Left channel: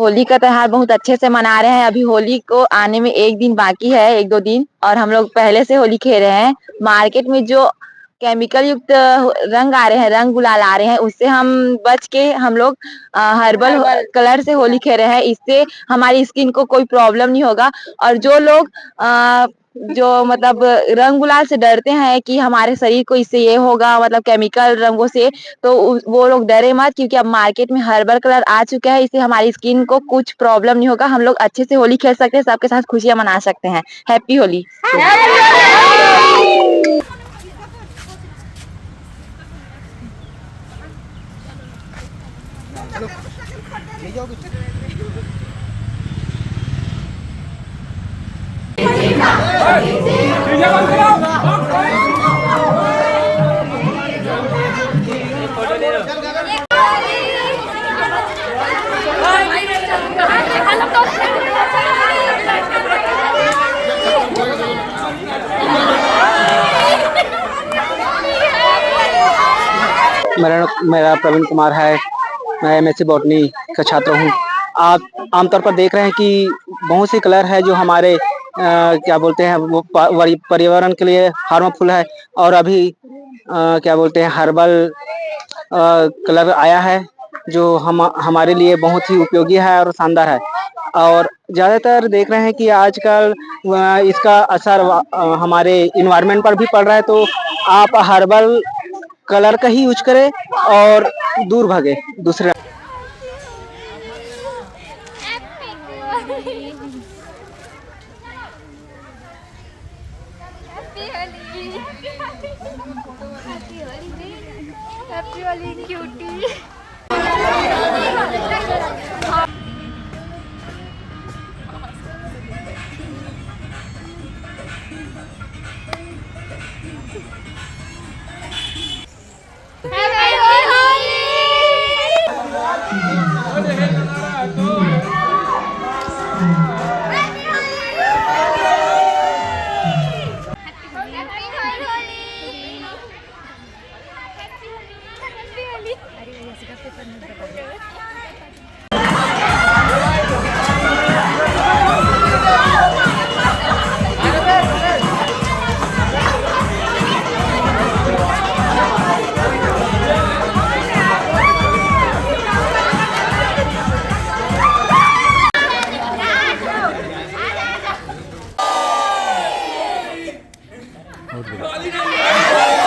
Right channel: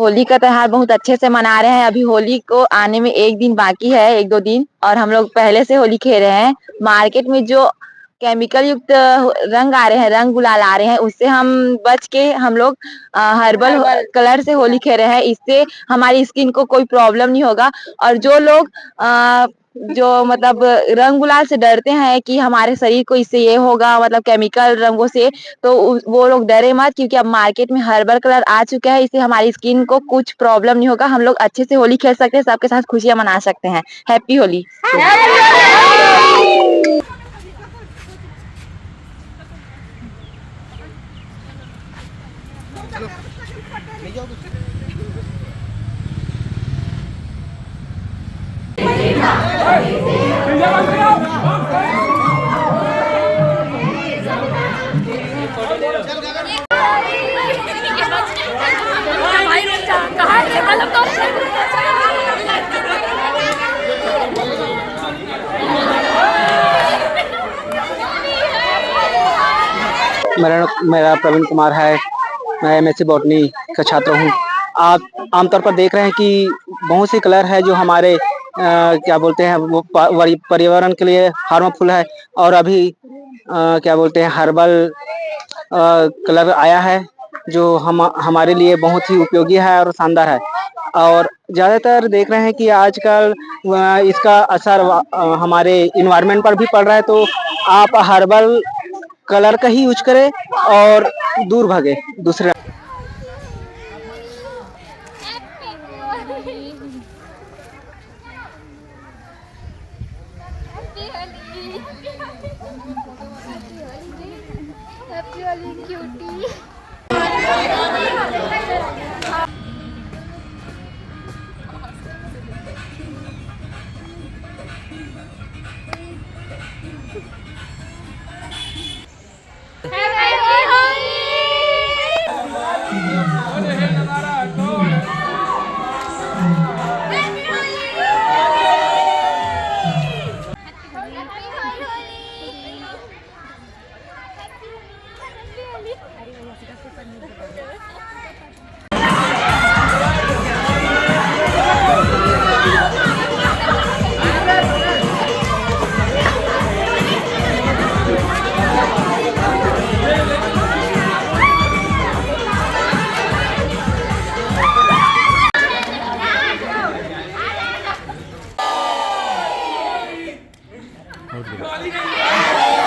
होली का त्योहार बहुत अच्छे से मना रहे हैं। अभी होली को आने में एक दिन बाकी है, एक दो दिन, और हम लोग पहले से होली खेल रहे हैं। मार्केट में जो केमिकल युक्त रंग आ रहे हैं, रंग गुलाल आ रहे हैं, उससे हम बच के हम लोग हर्बल कलर से होली खेल रहे हैं। इससे हमारी स्किन को कोई प्रॉब्लम नहीं होगा। और जो लोग जो मतलब रंग गुलाल से डरते हैं कि हमारे शरीर को इससे ये होगा, मतलब केमिकल रंगों से, तो वो लोग डरे मत, क्योंकि अब मार्केट में हर्बल कलर आ चुका है। इससे हमारी स्किन को कुछ प्रॉब्लम नहीं होगा। हम लोग अच्छे से होली खेल सकते हैं, सबके साथ खुशियां मना सकते हैं। हैप्पी होली। मेरा प्रवीण कुमार है। मैं एमएससी बॉटनी का छात्र हूँ। आप आमतौर पर देख रहे हैं कि बहुत से कलर है जो हमारे क्या बोलते हैं वो पर्यावरण के लिए हार्मफुल है। और अभी क्या बोलते हैं हर्बल कलर आया है जो हमारे लिए बहुत ही उपयोगी है और शानदार है। और ज़्यादातर देख रहे हैं कि आजकल इसका असर हमारे इन्वायरमेंट पर भी पड़ रहा है। तो आप हर्बल कलर का ही यूज करें और दूर भागे दूसरे। Happy Holi cutie. Good.